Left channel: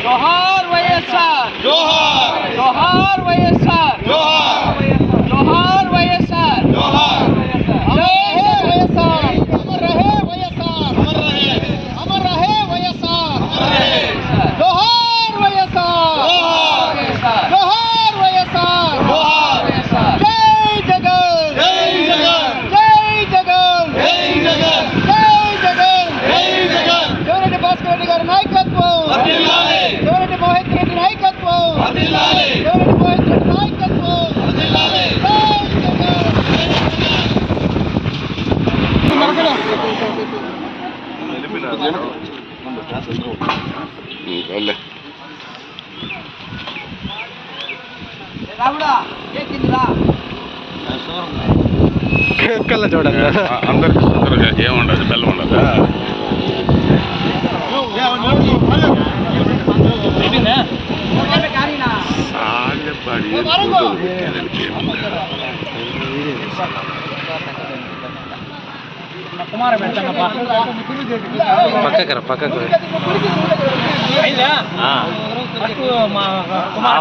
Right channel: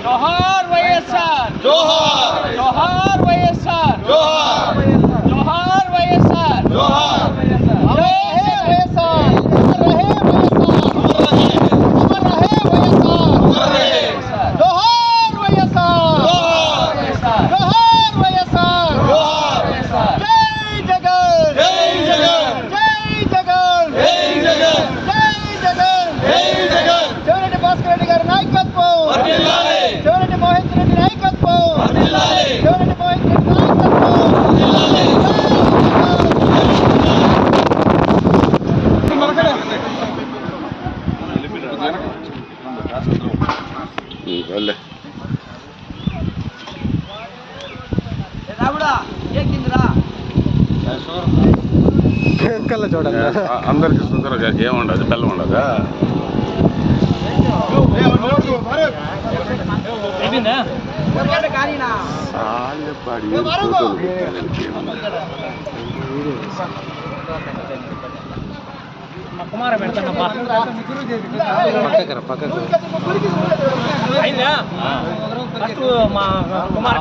जोहार వైఎస్ఆర్ जोहार जोहार వైఎస్ఆర్ जोहार जोहार వైఎస్ఆర్ जोहार जय వైఎస్ఆర్ अमर रहे వైఎస్ఆర్ जोहार వైఎస్ఆర్ जोहार వైఎస్ఆర్ जय जगन जय जगन जय जगन जय जगन जय जगन जय जगन జగన్ భాస్కర్ రెడ్డి గారి నాయకత్వం వర్ధిల్లాలి జగన్ మోహిత్ రెడ్డి నాయకత్వం వర్ధిల్లాలి జగన్ మోహిత్ రెడ్డి నాయకత్వం వర్ధిల్లాలి రావుడా ఏకిందిరా కళ్ళ చూడాలి అందరికి సుందరగా ఏముండదు బెల్లం ఉండదా సాలెపాడి ఫోటోలు పెట్టారంటే కుమార పెడతాను పక్కకు అయిందా ఫస్ట్ మా కుమార